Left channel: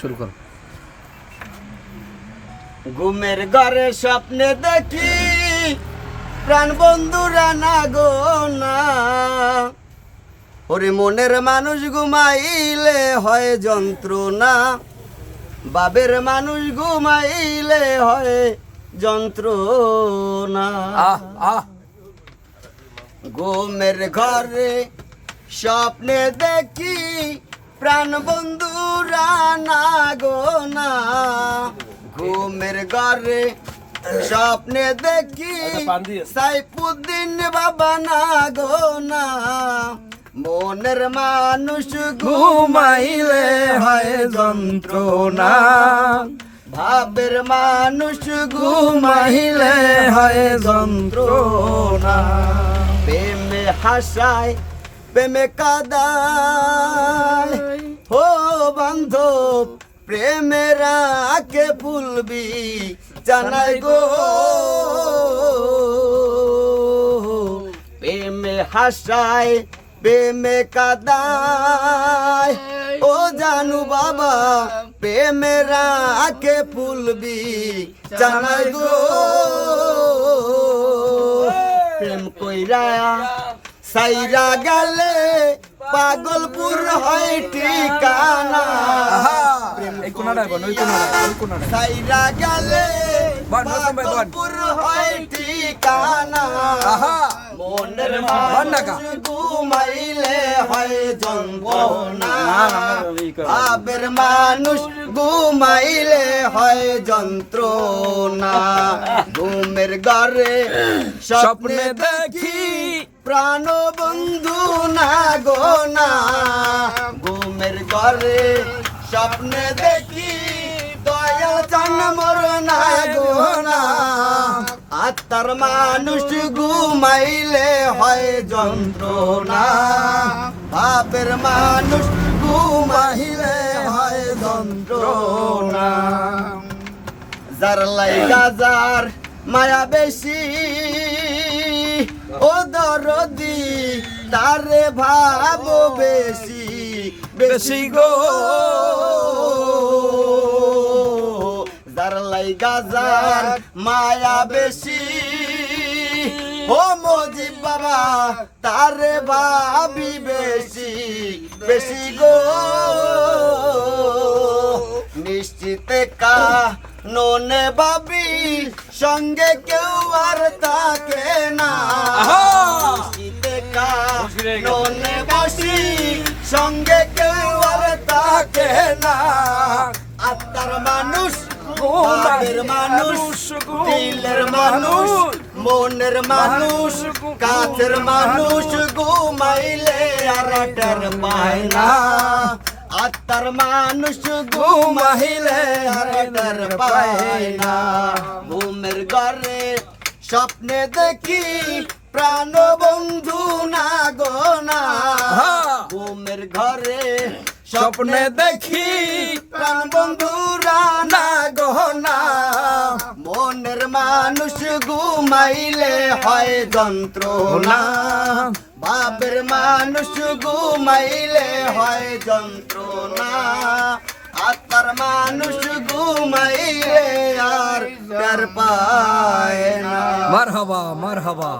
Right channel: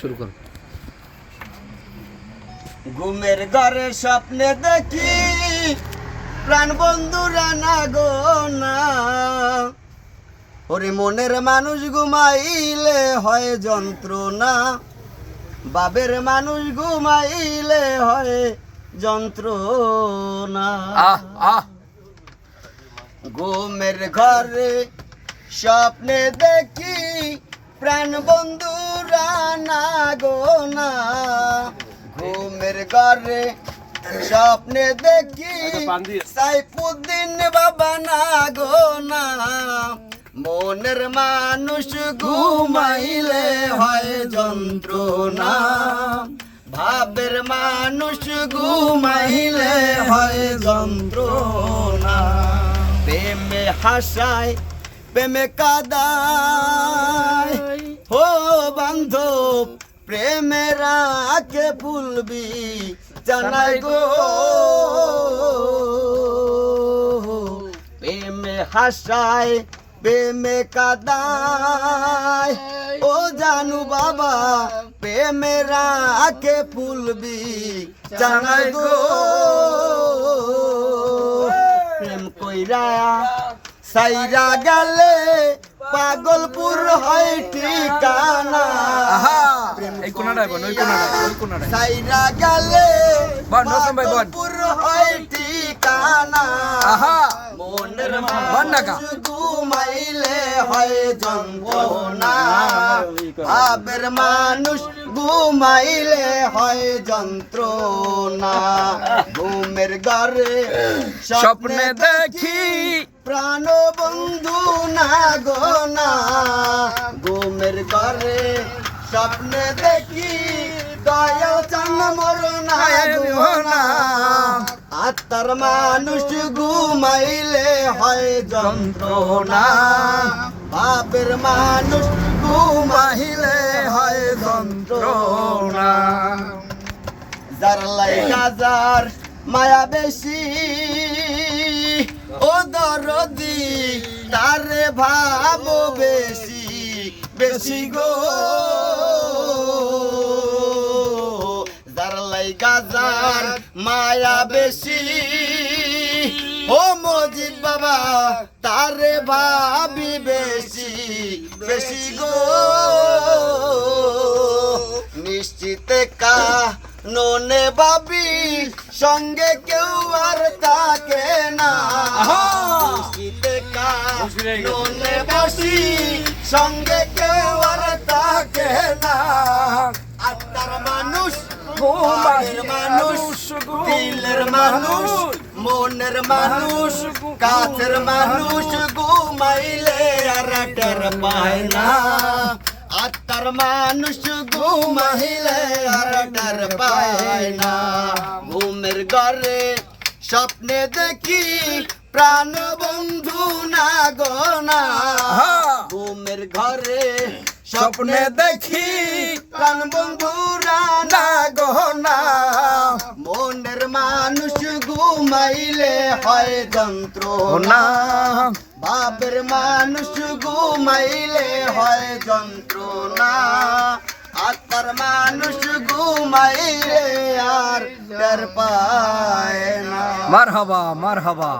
শুরু কর। ঘুমের ঘরে স্বপ্নে দেখি প্রাণ বন্ধুরা না গো না, ওরে মনের মানুষ ঘুমাইলে হয় যন্ত্রণা, বাবের মানুষ ঘুমাইলে হয় যন্ত্রণা। ঘুমের ঘরে স্বপ্নে দেখি প্রাণ বন্ধুরা না গো না, ঘুমের ঘরে স্বপ্নে দেখি সাইফুদ্দিন বাবা না গো না, মনের মানুষ ঘুমাইলে হয় যন্ত্রণা, ভাবের মানুষ ঘুমাইলে হয় যন্ত্রণা। প্রেমে হাসায় প্রেমে কাদায় ও বান্ধব, প্রেমের আকে ভুলবি জানাই গো, প্রেমে হাসায় প্রেমে কাদায় ও জানু বাবা, প্রেমের আকে ভুলবি জানাই গো। প্রেম কইরা সাইরা গেলে পাগলপুর হয় ঠিকানা, এই কোনাটায় বল, ওই কোনাটায় সাইরা গেলে পাগলপুর হয় ঠিকানা, মনের মানুষ ঘুমাইলে হয় যন্ত্রণা, ভাবের মানুষ ঘুমাইলে হয় যন্ত্রণা। ঘুমের ঘরে স্বপ্নে দেখি প্রাণ বন্ধু না গো না, ঘুমের ঘরে স্বপ্নে দেখি দয়াল চান মোর না গো না, আত্মার মানুষ ঘুমাইলে হয় যন্ত্রণা, বাপের মানুষ ঘুমাইলে হয় যন্ত্রণা। যার লাইগা যার মায়া বেশি ও দরদি, তারে ভাবো বেশি বেশি গো, যার লাইগা যার মায়া বেশি ও মজিব বাবা, তারে ভাবি বেশি বেশি গো। নিশ্চিতে কা ননে ভাবি সঙ্গে কেউ আর থাকে না, নিশ্চিতে কা ননে বসি সঙ্গে কেউ আর থাকে না, আত্মার মানুষ ঘুমের মানুষ দিলের মানুষ মনের মানুষ কাছের মানুষ ঘুমাইলে আর টের পায় না, আত্মার মানুষ ঘুমাইলে আর টের পায় না। ঘুমের ঘরে স্বপ্নে দেখি প্রাণ বন্ধু না গো না, ঘুমের ঘরে স্বপ্নে দেখি প্রাণ বন্ধুরা না গো না, মনের মানুষ ঘুমাইলে হয় যন্ত্রণা, বাপের মানুষ ঘুমাইলে হয় যন্ত্রণা, আত্মার মানুষ ঘুমাইলে আর টের পায় না। মারহাবা মারহাবা।